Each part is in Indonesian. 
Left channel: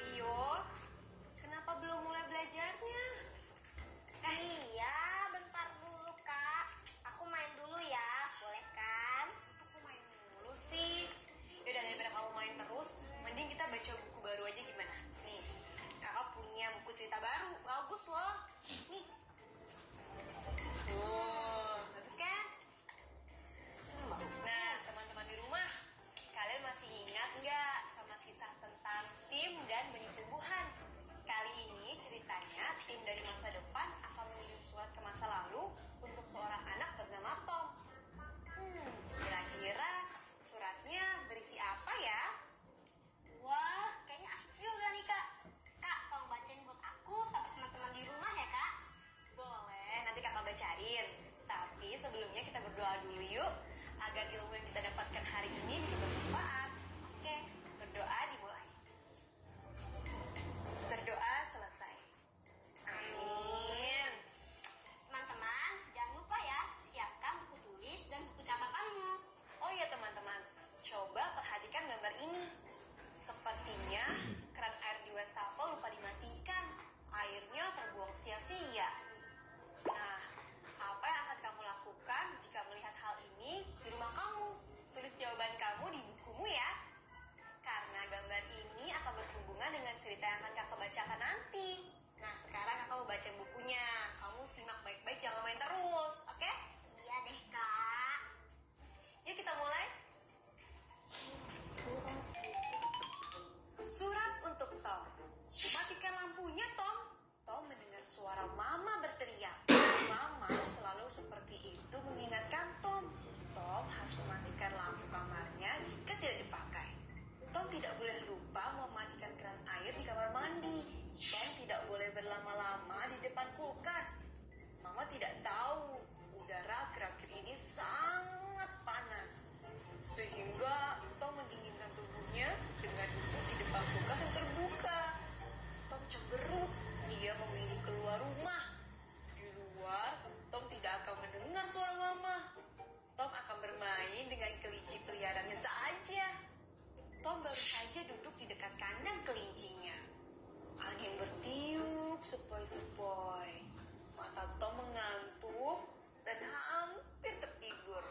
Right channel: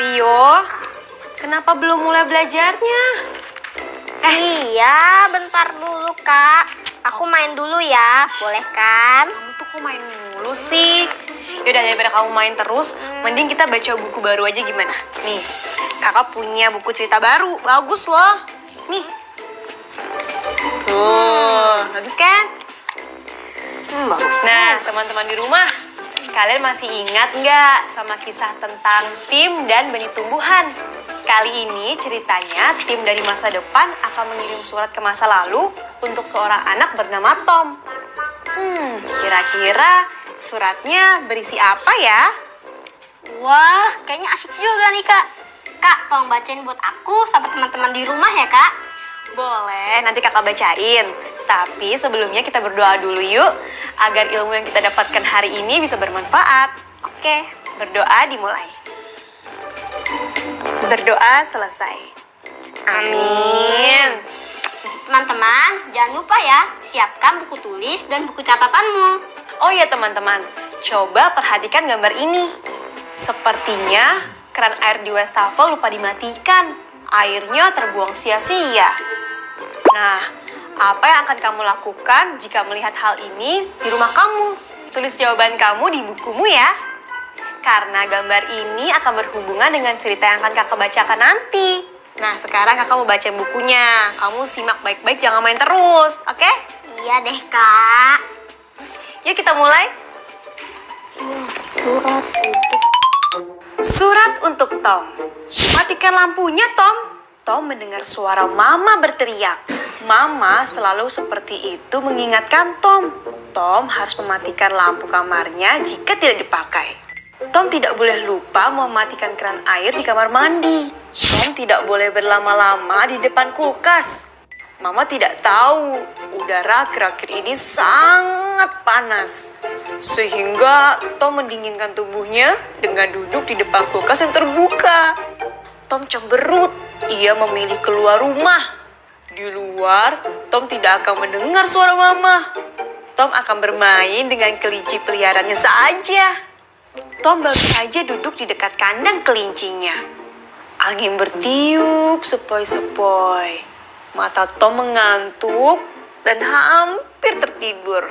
Rio, kenapa belum mulai belajarnya? Iya, bentar dulu, Kak. Aku main dulu ya, boleh kan? Kamu tuh kok main mulu sih? Yaudah, daripada kamu main terus, mending kita baca buku baru aja gimana? Nih, kakak punya buku cerita baru, bagus loh. Nih. Tuh, bagus kan? Bagus. Nah, teman-teman di rumah, kalian masih ingat nggak sama kisah tentang Tim dan benih tumbuhan? Kali ini ceritanya Tim dari masa depan akan mengirim surat ke masa lalu untuk seorang anak bernama Tom. Kira-kira suratnya berisi apa ya? Wah, kayaknya asik juga nih, Kak. Kak, tolong bacain buat aku sama teman-teman di rumah ya, Kak. Boleh, nanti kakak bacain. Tapi sebelumnya kita berdoa dulu yuk, agar ilmu yang kita dapatkan hari ini bisa bermanfaat. Oke. Berdoa dimulai. Berdoa selesai. Amin. Teman-teman, jangan lupa ya, siapkan buku tulis dan buku catatanmu. Oh ya teman-teman, coba perhatikan gambar ini. Sepertinya keran air di wastafel lupa dimatikan. Airnya terbuang sia-sia. Nah, apa yang akan kamu lakukan jika melihat hal ini di rumah kamu? Tulis jawaban kamu di bukumu ya. Karena gambar ini akan berhubungan dengan cerita yang akan kakak bacakan nanti. Nah, sekarang kakak mau baca bukunya. Kamu simak baik-baik, jangan main terus, oke? Iya deh, Kak. Yuk kita mulai. Surat untuk Tom. Matikan lampunya, Tom. Tom mendengar suara Mama berteriak. Mama selalu seperti itu mengingatkan Tom. Tom harus mematikan lampu kamarnya jika tidak dipakai. Tom tidak boleh lupa mematikan keran air di kamar mandi. Tom tidak boleh berlama-lama di depan kulkas. Mama tidak tahu udara akhir-akhir ini sangat panas. Sehingga Tom mendinginkan tubuhnya dengan duduk di depan kulkas yang terbuka. Tom cemberut, ia memilih keluar rumah. Di luar, Tom tidak akan mendengar suara Mama. Tom akan bermain dengan kelinci peliharaannya saja. Tom baru saja duduk di dekat kandang kelincinya. Angin bertiup sepoi-sepoi. Mata Tom mengantuk dan hampir tertidur.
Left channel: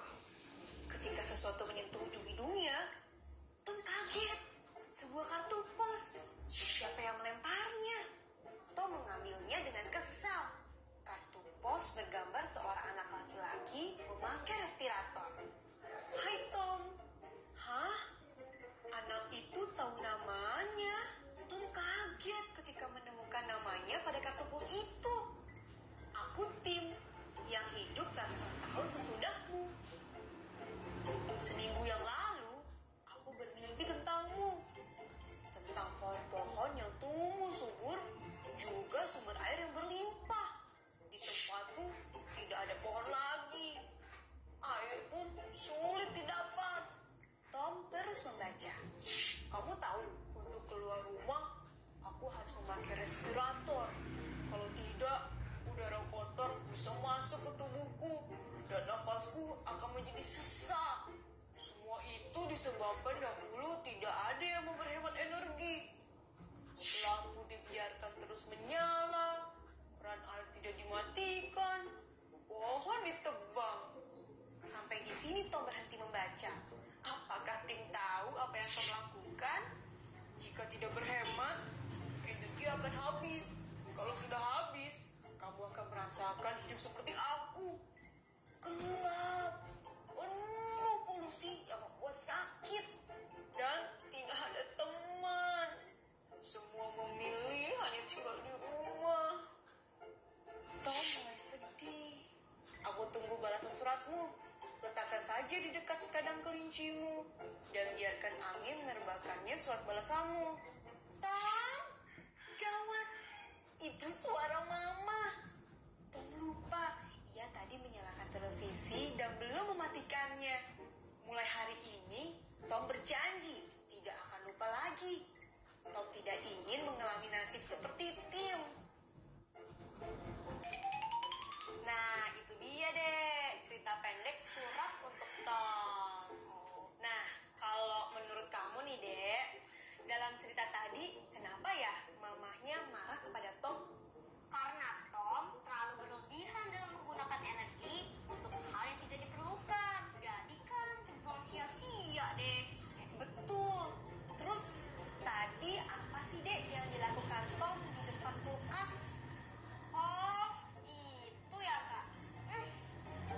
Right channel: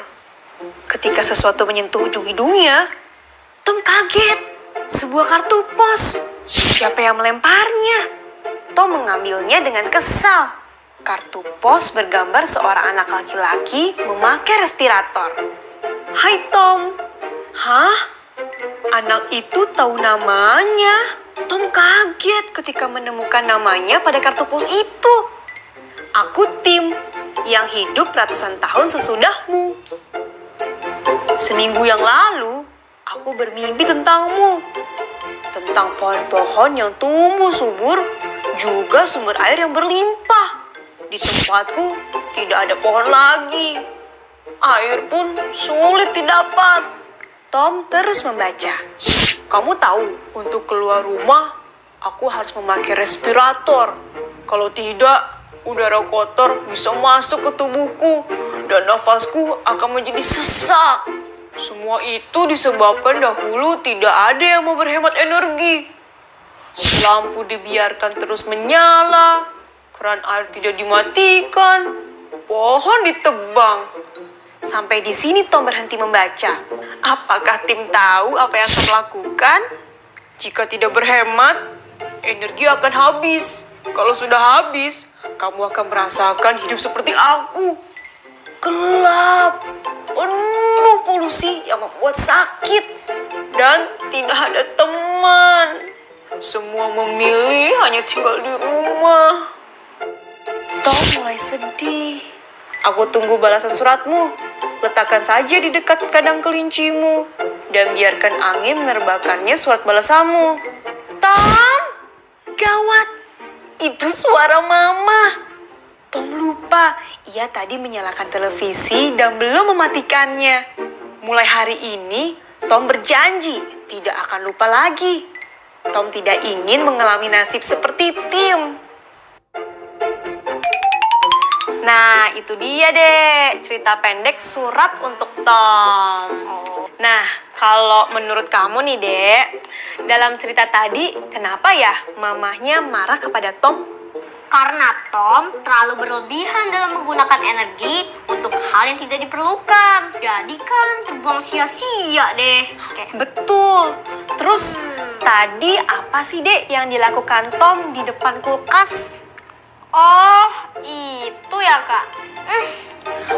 Ketika sesuatu menyentuh ujung hidungnya, Tom kaget. Sebuah kartu pos. Siapa yang melemparnya? Tom mengambilnya dengan kesal. Kartu pos bergambar seorang anak laki-laki memakai respirator. Hai Tom. Hah? Anak itu tahu namanya. Tom kaget ketika menemukan namanya pada kartu pos itu. Aku Tim, yang hidup ratusan tahun sesudahmu. Seminggu yang lalu, aku bermimpi tentangmu. Tentang pohon-pohon yang tumbuh subur, juga sumber air yang berlimpah. Di tempatku tidak ada pohon lagi. Air pun sulit didapat. Tom terus membaca. Kamu tahu, untuk keluar rumah, aku harus memakai respirator. Kalau tidak, udara kotor bisa masuk ke tubuhku dan nafasku akan menjadi sesak. Semua itu disebabkan dahulu tidak ada yang mau berhemat energi. Lampu dibiarkan terus menyala, keran air tidak dimatikan, pohon ditebang. Sampai di sini Tom berhenti membaca. Apakah Tim tahu apa yang akan lakukan? Jika tidak berhemat, energi akan habis. Kalau sudah habis, kamu akan merasakan hidup seperti aku. Gelap, penuh polusi yang membuat sakit, dan tidak ada teman. Semua memilih hanya tinggal di rumah. Tom mulai sedih. Aku tunggu balasan suratmu. Letakkan saja di dekat kandang kelincimu dan biarkan angin menerbakannya surat balasanmu. Tom, gawat. itu suara Mama. Tom lupa, ia tadi menyalakan televisi dan belum mematikannya. Mulai hari ini, Tom berjanji tidak akan lupa lagi. Tom tidak ingin mengalami nasib seperti Tim. Nah, itu dia deh cerita pendek surat untuk Tom. Nah, kalau menurut kamu nih, Dek, dalam cerita tadi, kenapa ya mamahnya marah kepada Tom? Karena Tom terlalu berlebihan dalam menggunakan energi untuk hal yang tidak diperlukan. Jadi kan terbuang sia-sia deh. Betul. Terus tadi apa sih, Dek, yang dilakukan Tom di depan kulkas? Oh, itu ya Kak.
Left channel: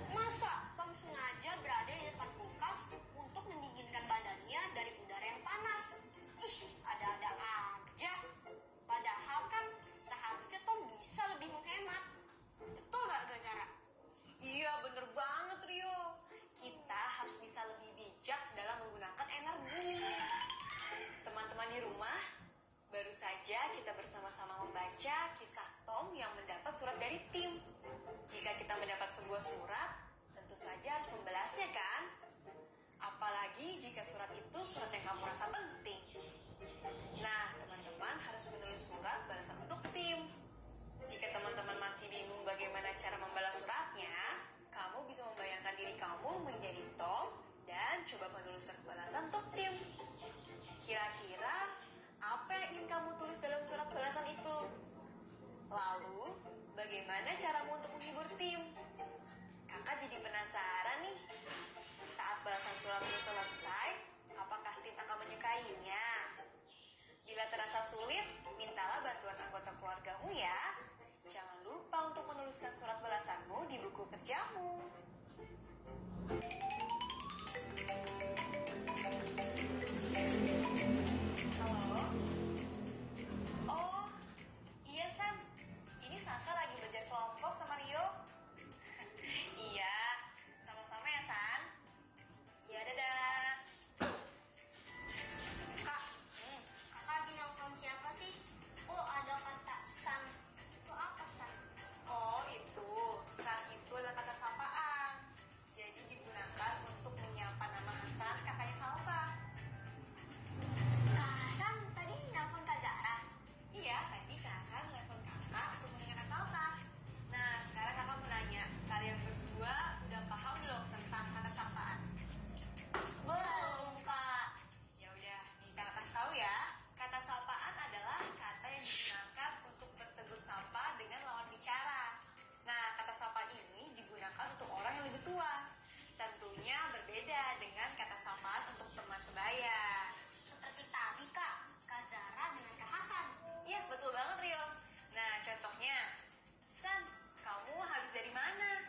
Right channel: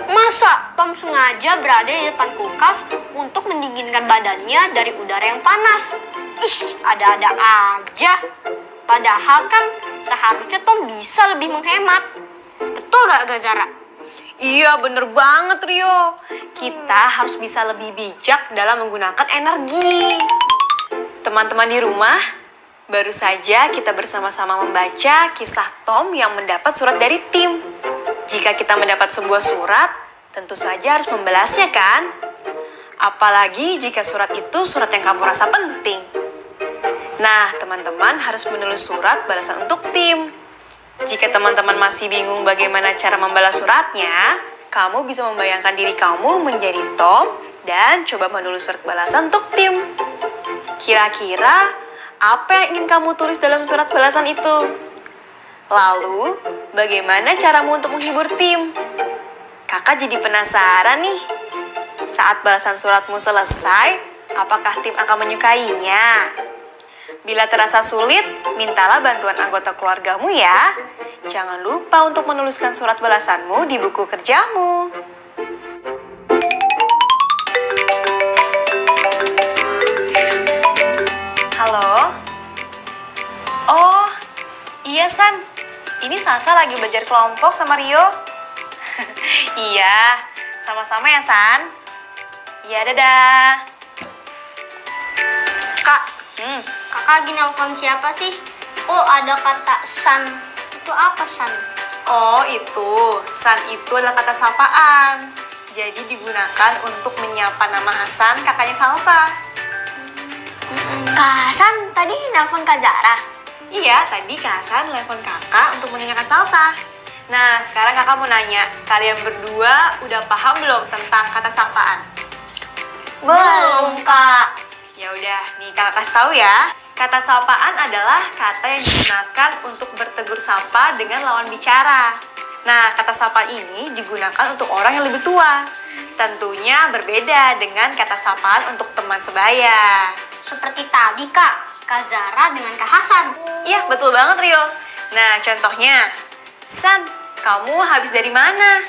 Masa Tom sengaja berada di depan kulkas untuk mendinginkan badannya dari udara yang panas? Ih, ada-ada aja. Padahal kan seharusnya Tom bisa lebih menghemat. Betul gak Zara? Iya, bener banget, Rio. Kita harus bisa lebih bijak dalam menggunakan energi. Teman-teman di rumah, baru saja kita bersama-sama membaca kisah Tom yang mendapat surat dari Tim. Jika kita mendapat sebuah surat, tentu saja harus membalasnya kan? Apalagi jika surat itu surat yang kamu rasa penting. Nah, teman-teman harus menulis surat balasan untuk Tim. Jika teman-teman masih bingung bagaimana cara membalas suratnya, kamu bisa membayangkan diri kamu menjadi Tom dan coba menulis surat balasan untuk Tim. Kira-kira apa yang ingin kamu tulis dalam surat balasan itu? Lalu, bagaimana caramu untuk menghibur Tim? Kakak jadi penasaran nih. Saat balasan suratmu selesai, apakah Tim akan menyukainya? Bila terasa sulit, mintalah bantuan anggota keluargamu ya. Jangan lupa untuk menuliskan surat balasanmu di buku kerjamu. Halo? Oh, iya San. Ini Salsa lagi belajar kelompok sama Rio. Iya, sama-sama ya San. Iya, dadah. Kak, Kakak lagi nelfon siapa sih? Oh, ada kata San. Itu apa San? Oh, itu. San itu adalah kata sapaan. Jadi digunakan untuk menyapa nama Hasan, kakaknya Salsa. Kak Hasan tadi nelfon Kak Zara. Iya, tadi Kak Hasan telepon kakak untuk menanyakan Salsa. Nah, sekarang kakak mau nanya, kalian berdua udah paham belum tentang kata sapaan? Belum, Kak. Ya udah, nih kakak kasih tahu ya. Kata sapaan adalah kata yang digunakan untuk bertegur sapa dengan lawan bicara. Nah, kata sapa ini digunakan untuk orang yang lebih tua. Tentunya berbeda dengan kata sapaan untuk teman sebaya. Seperti tadi, Kak. Kak Zara dengan Kak Hasan. Iya, betul banget, Rio. Nah, contohnya, San, kamu habis dari mana?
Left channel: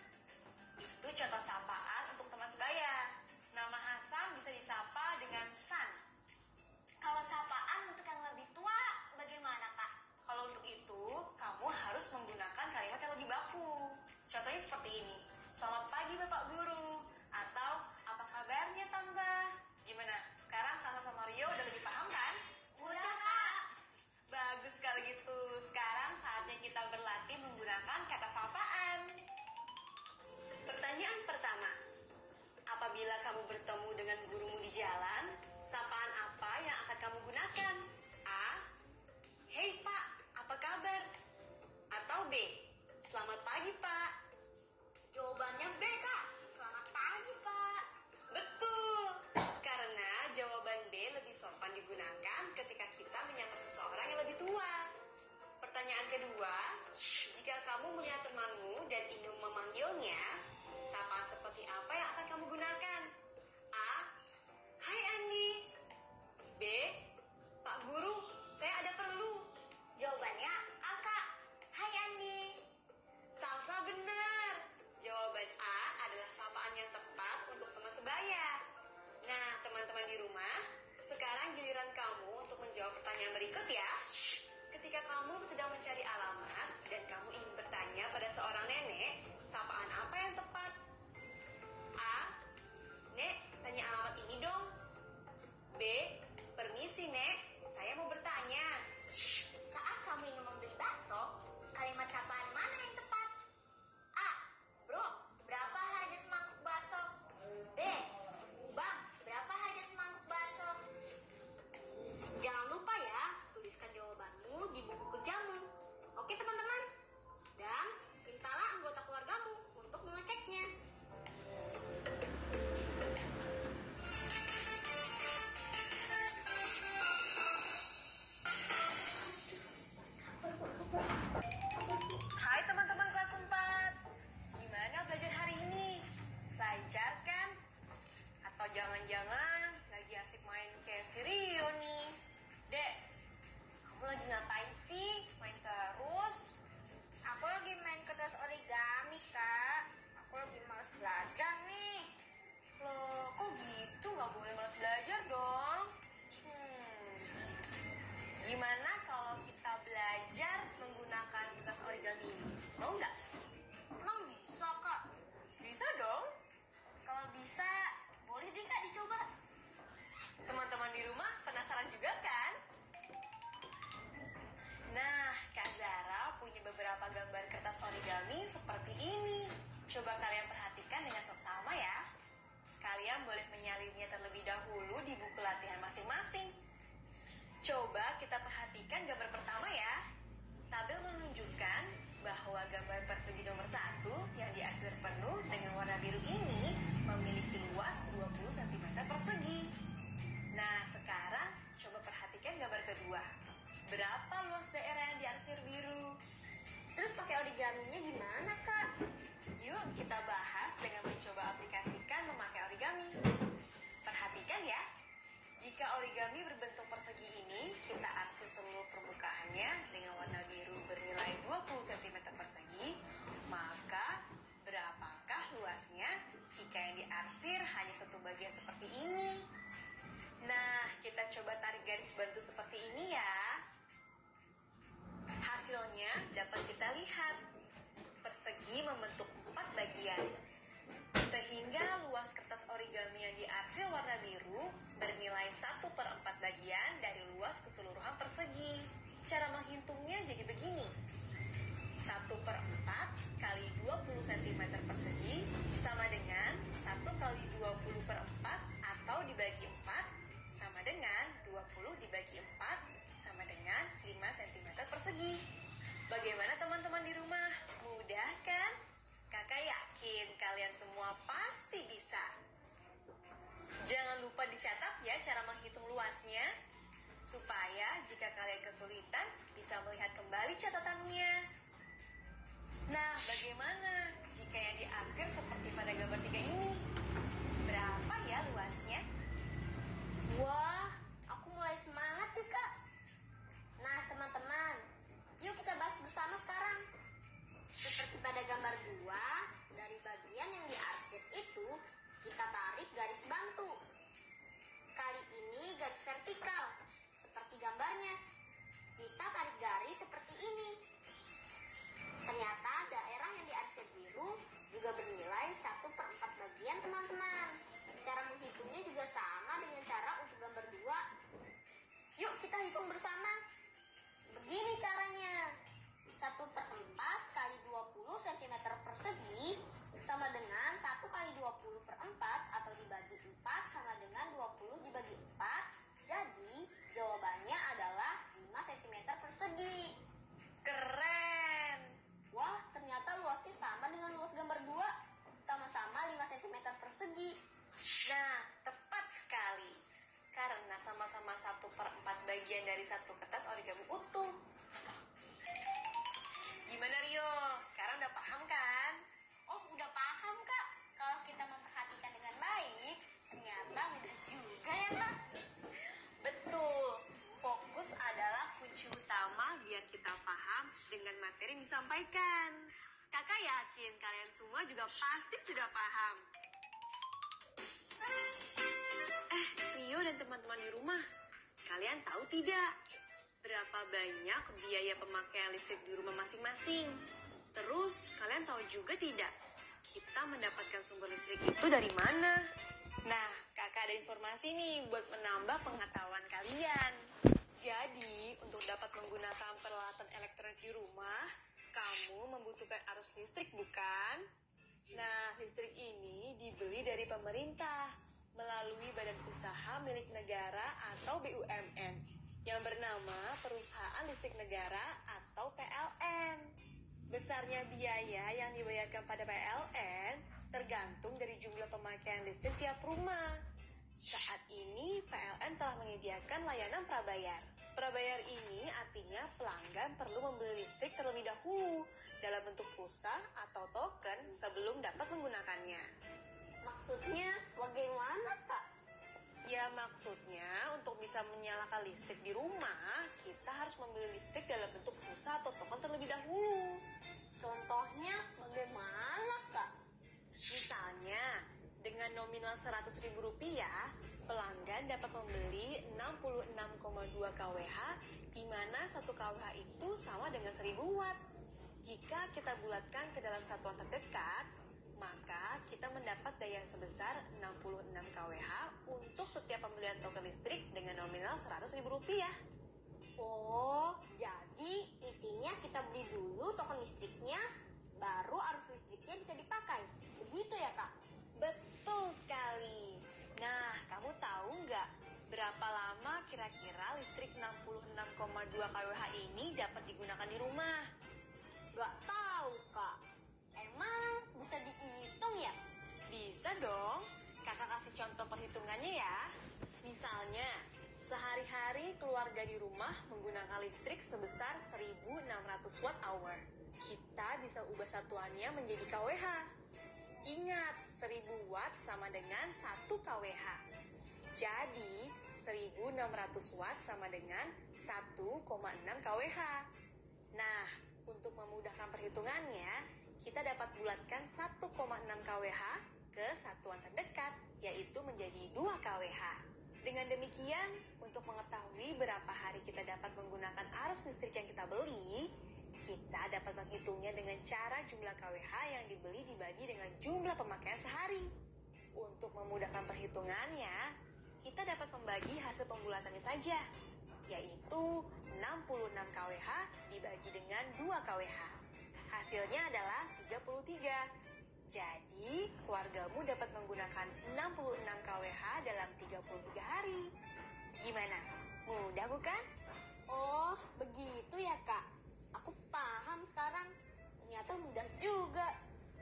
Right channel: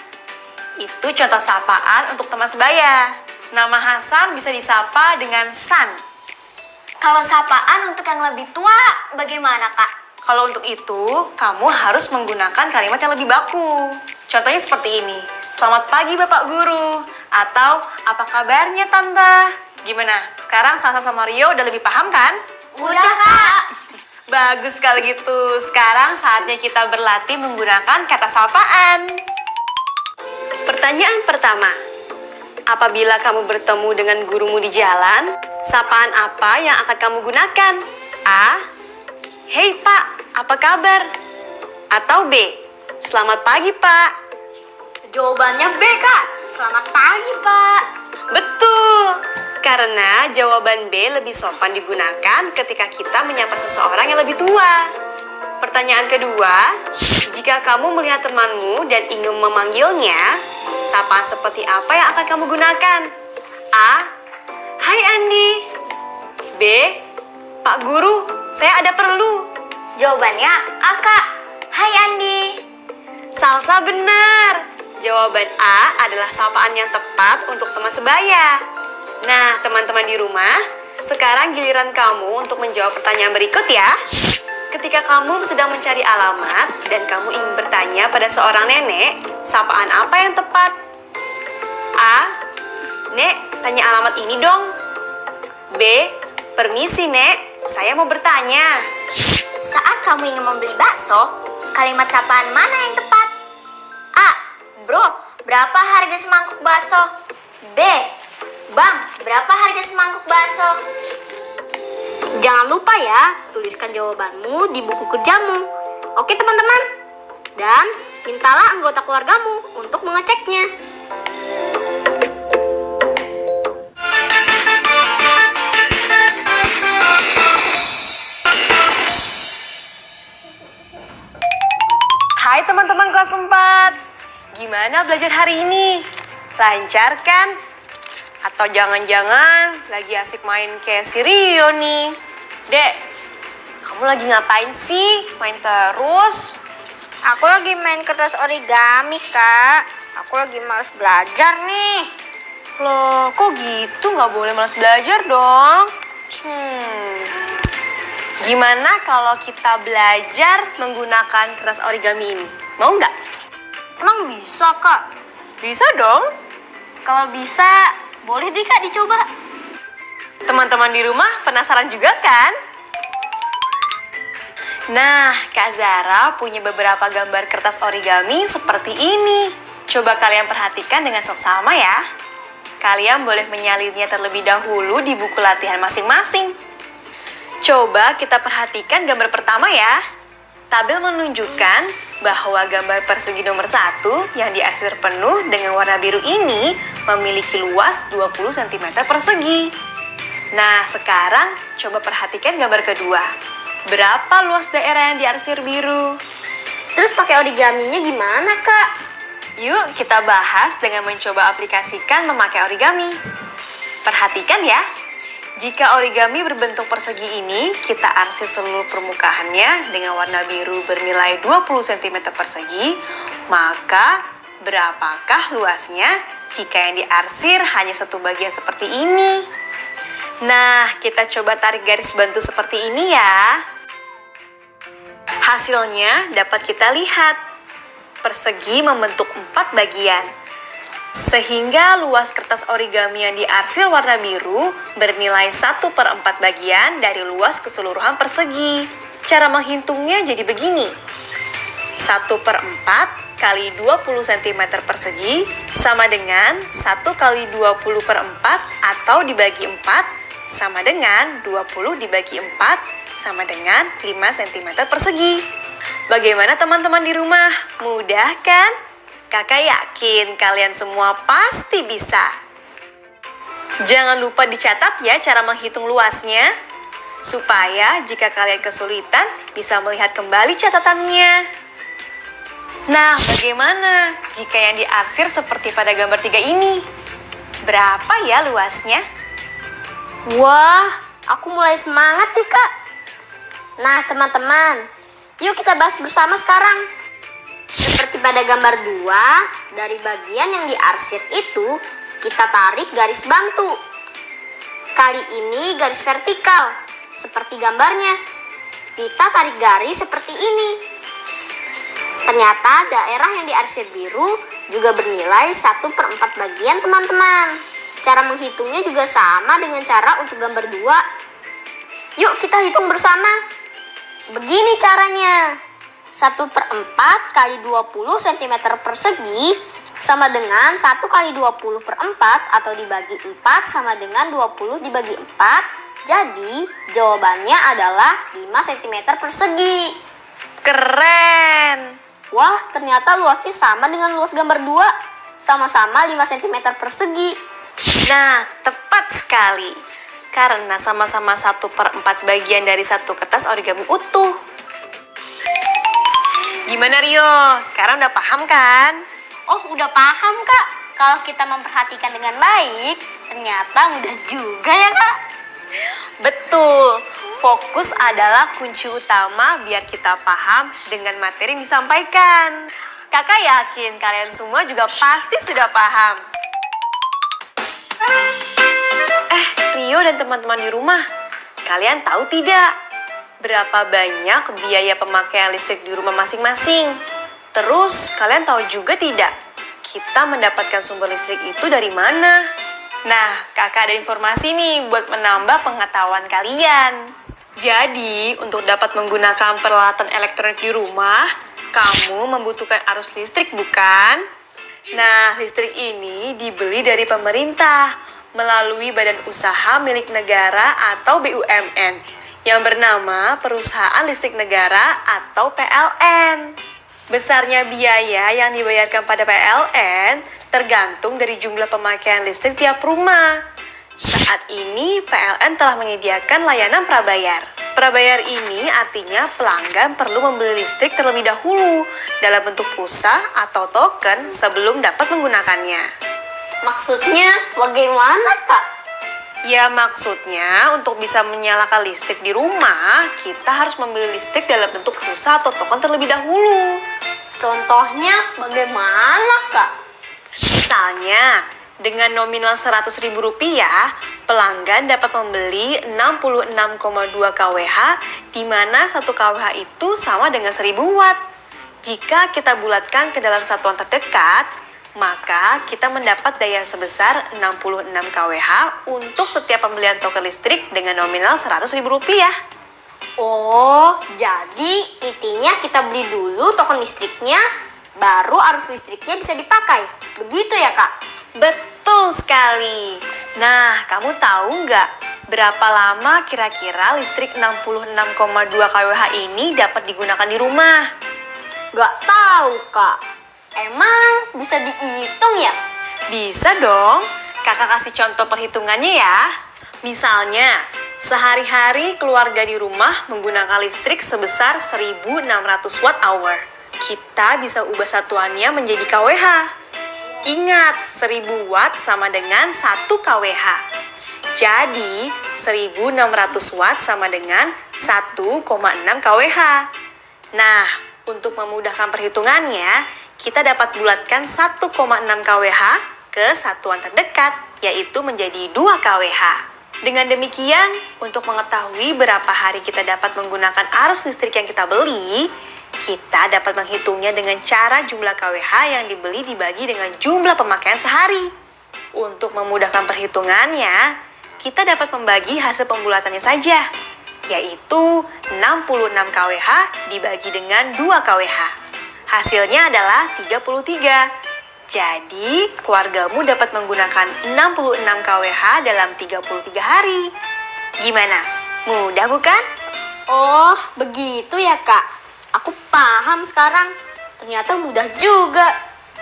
Itu contoh sapaan untuk teman sebaya. Nama Hasan bisa disapa dengan San. Kalau sapaan untuk yang lebih tua, bagaimana, Kak? Kalau untuk itu, kamu harus menggunakan kalimat yang lebih baku. Contohnya seperti ini. Selamat pagi Bapak Guru. Atau, apa kabarnya Tante? Gimana? Sekarang Salsa sama Rio udah lebih paham kan? Udah, Kak. Bagus kalau gitu. Sekarang saatnya kita berlatih menggunakan kata sapaan. Pertanyaan pertama. Apabila kamu bertemu dengan gurumu di jalan, sapaan apa yang akan kamu gunakan? A. Hei Pak, apa kabar? Atau B. Selamat pagi Pak. Jawabannya B, Kak. Selamat pagi, Pak. Betul. Karena jawaban B lebih sopan digunakan ketika kita menyapa seseorang yang lebih tua. Pertanyaan kedua, jika kamu melihat temanmu dan ingin memanggilnya, sapaan seperti apa yang akan kamu gunakan? A. Hai Andi. B. Pak Guru, saya ada perlu. Jawabannya A, Kak. Hai, Andi. Salsa benar. Jawaban A adalah sapaan yang tepat untuk teman sebaya. Nah, teman-teman di rumah, sekarang giliran kamu untuk menjawab pertanyaan berikut ya. Ketika kamu sedang mencari alamat dan kamu ingin bertanya pada seorang nenek, sapaan apa yang tepat? A. Nek, tanya alamat ini dong. B. Permisi, Nek. Saya mau bertanya. Saat kamu ingin membeli bakso, kalimat sapaan mana yang tepat? A. Bro, berapa harga semangkuk bakso? B. Bang, berapa harga semangkuk bakso? Jangan lupa ya, tuliskan jawabanmu di buku kerjamu. Oke teman-teman? Dan mintalah anggota keluargamu untuk mengeceknya. Hai teman-teman kelas 4. Gimana belajar hari ini? Lancar kan? Atau jangan-jangan lagi asik main kayak si Rio nih? Dek, kamu lagi ngapain sih? Main terus? Aku lagi main kertas origami, Kak. Aku lagi males belajar nih. Loh, kok gitu? Nggak boleh malas belajar dong. Gimana kalau kita belajar menggunakan kertas origami ini? Mau nggak? Emang bisa, Kak? Bisa dong. Kalau bisa, boleh deh Kak dicoba. Teman-teman di rumah penasaran juga kan? Nah, Kak Zara punya beberapa gambar kertas origami seperti ini. Coba kalian perhatikan dengan seksama ya. Kalian boleh menyalinnya terlebih dahulu di buku latihan masing-masing. Coba kita perhatikan gambar pertama ya. Tabel menunjukkan bahwa gambar persegi nomor 1 yang diarsir penuh dengan warna biru ini memiliki luas 20 cm persegi. Nah, sekarang coba perhatikan gambar kedua. Berapa luas daerah yang diarsir biru? Terus pakai origaminya gimana, Kak? Yuk kita bahas dengan mencoba aplikasikan memakai origami. Perhatikan ya. Jika origami berbentuk persegi ini, kita arsir seluruh permukaannya dengan warna biru bernilai 20 cm persegi, maka berapakah luasnya jika yang diarsir hanya satu bagian seperti ini? Nah, kita coba tarik garis bantu seperti ini ya. Hasilnya dapat kita lihat. Persegi membentuk 4 bagian. Sehingga luas kertas origami yang diarsir warna biru bernilai 1/4 bagian dari luas keseluruhan persegi. Cara menghitungnya jadi begini. 1/4 kali 20 cm persegi sama dengan 1 kali 20/4 atau dibagi 4 sama dengan 20 dibagi 4 sama dengan 5 cm persegi. Bagaimana teman-teman di rumah? Mudah kan? Kakak yakin kalian semua pasti bisa. Jangan lupa dicatat ya cara menghitung luasnya, supaya jika kalian kesulitan bisa melihat kembali catatannya. Nah, bagaimana jika yang diarsir seperti pada gambar 3 ini? Berapa ya luasnya? Wah, aku mulai semangat nih, Kak. Nah, teman-teman, yuk kita bahas bersama sekarang. Seperti pada gambar 2, dari bagian yang diarsir itu, kita tarik garis bantu. Kali ini garis vertikal, seperti gambarnya. Kita tarik garis seperti ini. Ternyata daerah yang diarsir biru juga bernilai 1/4 bagian, teman-teman. Cara menghitungnya juga sama dengan cara untuk gambar 2. Yuk kita hitung bersama. Begini caranya. 1/4 kali 20 cm persegi sama dengan 1 kali 20/4 atau dibagi 4 sama dengan 20 dibagi 4. Jadi jawabannya adalah 5 cm persegi. Keren! Wah, ternyata luasnya sama dengan luas gambar 2. Sama-sama 5 cm persegi. Nah, tepat sekali. Karena sama-sama 1/4 bagian dari satu kertas origami utuh. Gimana Rio? Sekarang udah paham kan? Oh, udah paham, Kak. Kalau kita memperhatikan dengan baik, ternyata mudah juga ya, Kak. Betul. Fokus adalah kunci utama biar kita paham dengan materi yang disampaikan. Kakak yakin kalian semua juga pasti sudah paham. Rio dan teman-teman di rumah, kalian tahu tidak berapa banyak biaya pemakaian listrik di rumah masing-masing? Terus, kalian tahu juga tidak kita mendapatkan sumber listrik itu dari mana? Nah, kakak ada informasi nih buat menambah pengetahuan kalian. Jadi, untuk dapat menggunakan peralatan elektronik di rumah, kamu membutuhkan arus listrik, bukan? Nah, listrik ini dibeli dari pemerintah melalui badan usaha milik negara atau BUMN yang bernama Perusahaan Listrik Negara atau PLN. Besarnya biaya yang dibayarkan pada PLN tergantung dari jumlah pemakaian listrik tiap rumah. Saat ini PLN telah menyediakan layanan prabayar. Prabayar ini artinya pelanggan perlu membeli listrik terlebih dahulu dalam bentuk pulsa atau token sebelum dapat menggunakannya. Maksudnya bagaimana, Kak? Ya, maksudnya untuk bisa menyalakan listrik di rumah, kita harus membeli listrik dalam bentuk pulsa atau token terlebih dahulu. Contohnya bagaimana, Kak? Misalnya, dengan nominal Rp100.000, pelanggan dapat membeli 66,2 kWh, di mana 1 kWh itu sama dengan 1000 watt. Jika kita bulatkan ke dalam satuan terdekat, maka kita mendapat daya sebesar 66 kWh untuk setiap pembelian token listrik dengan nominal Rp100.000. Oh, jadi intinya kita beli dulu token listriknya, baru arus listriknya bisa dipakai. Begitu ya, Kak? Betul sekali. Nah, kamu tahu nggak berapa lama kira-kira listrik 66,2 kWh ini dapat digunakan di rumah? Nggak tahu, Kak. Emang bisa dihitung ya? Bisa dong. Kakak kasih contoh perhitungannya ya. Misalnya, sehari-hari keluarga di rumah menggunakan listrik sebesar 1600 watt hour. Kita bisa ubah satuannya menjadi kWh. Ingat, 1000 watt sama dengan 1 kWh. Jadi, 1600 watt sama dengan 1,6 kWh. Nah, untuk memudahkan perhitungannya, kita dapat bulatkan 1,6 kWh ke satuan terdekat, yaitu menjadi 2 kWh. Dengan demikian, untuk mengetahui berapa hari kita dapat menggunakan arus listrik yang kita beli, kita dapat menghitungnya dengan cara jumlah kWh yang dibeli dibagi dengan jumlah pemakaian sehari. Untuk memudahkan perhitungannya, kita dapat membagi hasil pembulatannya saja, yaitu 66 kWh dibagi dengan 2 kWh. Hasilnya adalah 33. Jadi, keluargamu dapat menggunakan 66 kWh dalam 33 hari. Gimana? Mudah bukan? Oh, begitu ya, Kak. Aku paham sekarang. Ternyata mudah juga.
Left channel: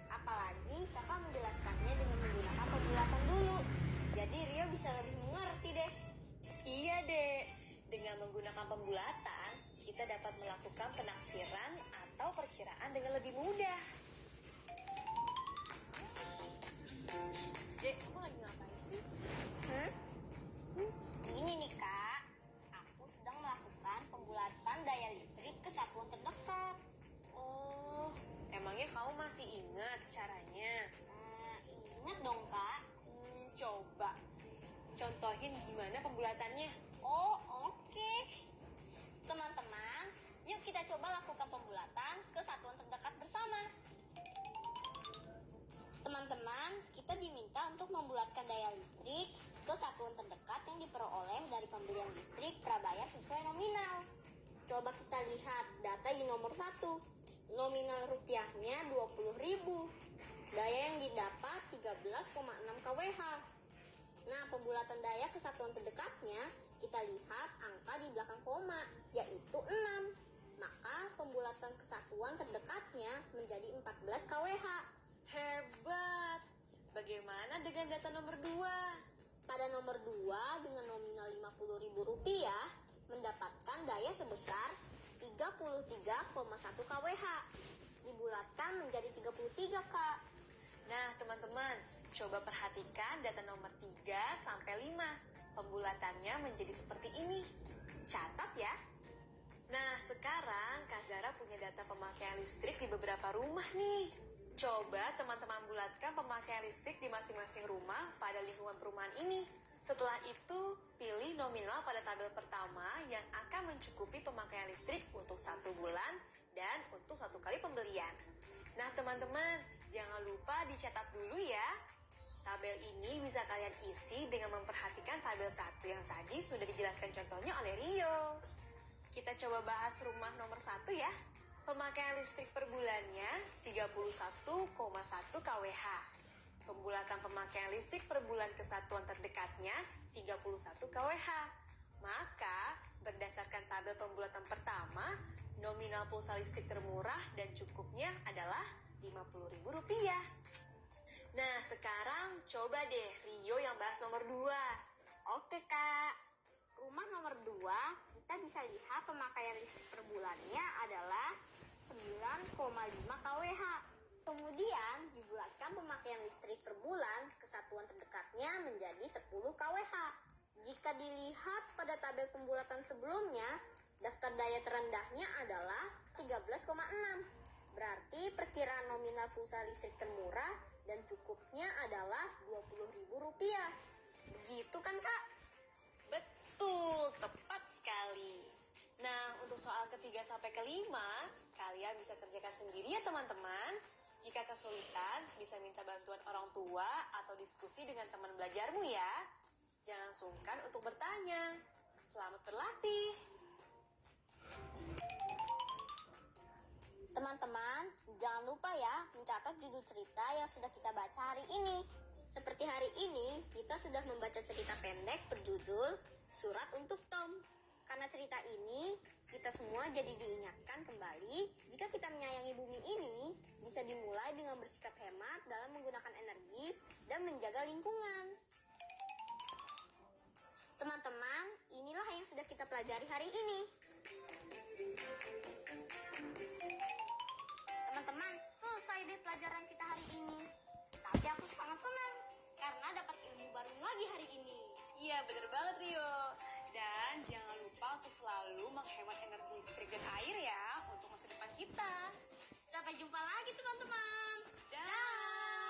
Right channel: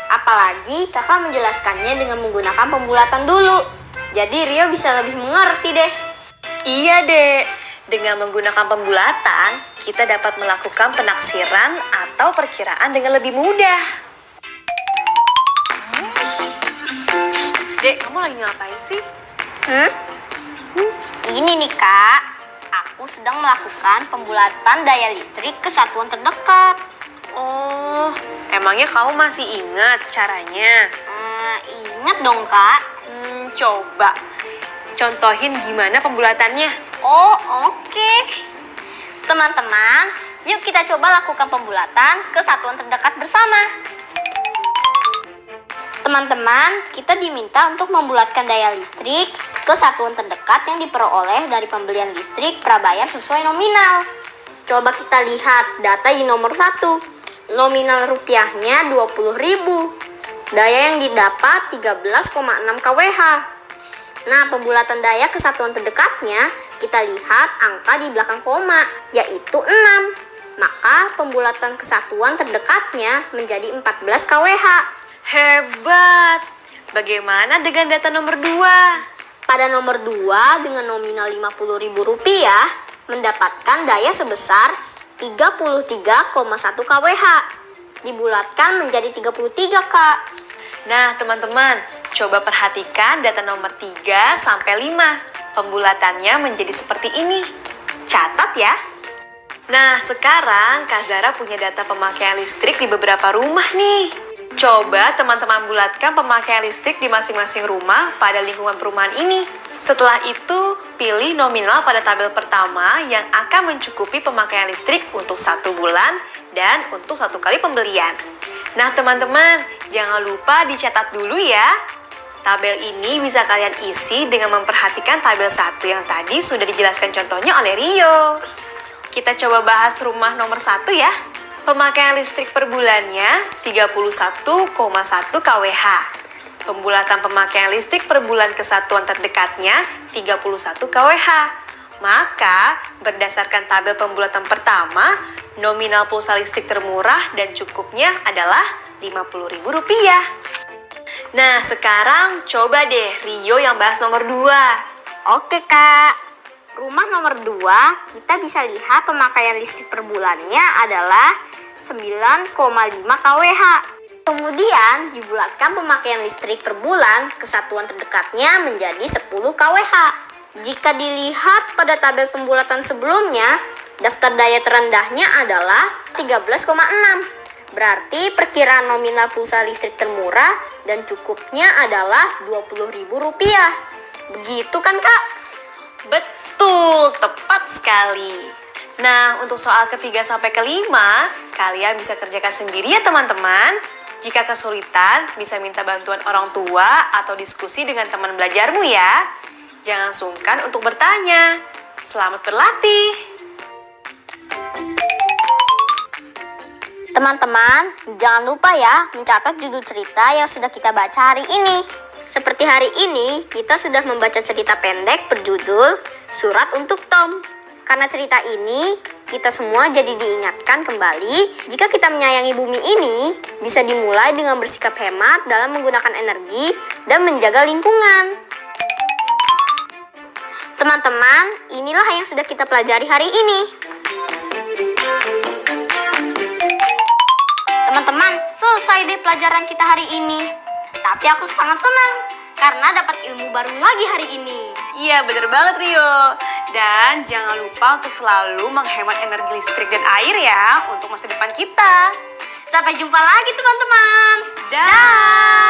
Apalagi kakak menjelaskannya dengan menggunakan pembulatan dulu. Jadi Rio bisa lebih mengerti deh. Iya, Dek. Dengan menggunakan pembulatan, kita dapat melakukan penaksiran atau perkiraan dengan lebih mudah. Dek, kamu lagi ngapain sih? Ini nih, Kak. Aku sedang melakukan pembulatan daya listrik ke satuan terdekat. Oh, emangnya kamu masih ingat caranya? Ingat dong, Kak. Coba contohin gimana pembulatannya. Oh, oke. Teman-teman, yuk kita coba lakukan pembulatan ke satuan terdekat bersama. Teman-teman, kita diminta untuk membulatkan daya listrik ke satuan terdekat yang diperoleh dari pembelian listrik prabayar sesuai nominal. Coba kita lihat data di nomor 1. Nominal rupiahnya 20.000. Daya yang didapat 13,6 kWh. Nah, pembulatan daya ke satuan terdekatnya, kita lihat angka di belakang koma, yaitu 6. Maka pembulatan ke satuan terdekatnya menjadi 14 kWh. Hebat! Bagaimana dengan data nomor 2? Pada nomor 2 dengan nominal Rp50.000 mendapatkan daya sebesar 33,1 kWh. Dibulatkan menjadi 33, Kak. Nah, teman-teman, coba perhatikan data nomor 3 sampai 5. Pembulatannya menjadi seperti ini. Catat ya. Nah, sekarang Kak Zara punya data pemakaian listrik di beberapa rumah nih. Coba teman-teman bulatkan pemakaian listrik di masing-masing rumah pada lingkungan perumahan ini. Setelah itu, pilih nominal pada tabel pertama yang akan mencukupi pemakaian listrik untuk 1 bulan dan untuk 1 kali pembelian. Nah, teman-teman, jangan lupa dicatat dulu ya. Tabel ini bisa kalian isi dengan memperhatikan tabel 1 yang tadi sudah dijelaskan contohnya oleh Rio. Kita coba bahas rumah nomor 1 ya. Pemakaian listrik per bulannya 31,1 kWh. Pembulatan pemakaian listrik per bulan ke satuan terdekatnya 31 kWh. Maka, berdasarkan tabel pembulatan pertama, nominal pulsa listrik termurah dan cukupnya adalah Rp50.000. Nah, sekarang coba deh Rio yang bahas nomor 2. Oke Kak, rumah nomor 2 kita bisa lihat pemakaian listrik per bulannya adalah 9,5 kWh. Kemudian dibulatkan pemakaian listrik per bulan ke satuan terdekatnya menjadi 10 kWh. Jika dilihat pada tabel pembulatan sebelumnya, daftar daya terendahnya adalah 13,6. Berarti perkiraan nominal pulsa listrik termurah dan cukupnya adalah Rp20.000. Begitu kan Kak? Betul, tepat sekali. Nah, untuk soal ketiga sampai kelima, kalian bisa kerjakan sendiri ya teman-teman. Jika kesulitan, bisa minta bantuan orang tua atau diskusi dengan teman belajarmu ya. Jangan sungkan untuk bertanya. Selamat berlatih. Teman-teman, jangan lupa ya mencatat judul cerita yang sudah kita baca hari ini. Seperti hari ini, kita sudah membaca cerita pendek berjudul Surat untuk Tom. Karena cerita ini, kita semua jadi diingatkan kembali jika kita menyayangi bumi ini, bisa dimulai dengan bersikap hemat dalam menggunakan energi dan menjaga lingkungan. Teman-teman, inilah yang sudah kita pelajari hari ini. Teman-teman, selesai deh pelajaran kita hari ini. Tapi aku sangat senang karena dapat ilmu baru lagi hari ini. Iya, bener banget Rio. Dan jangan lupa untuk selalu menghemat energi listrik dan air ya untuk masa depan kita. Sampai jumpa lagi teman-teman. Dah.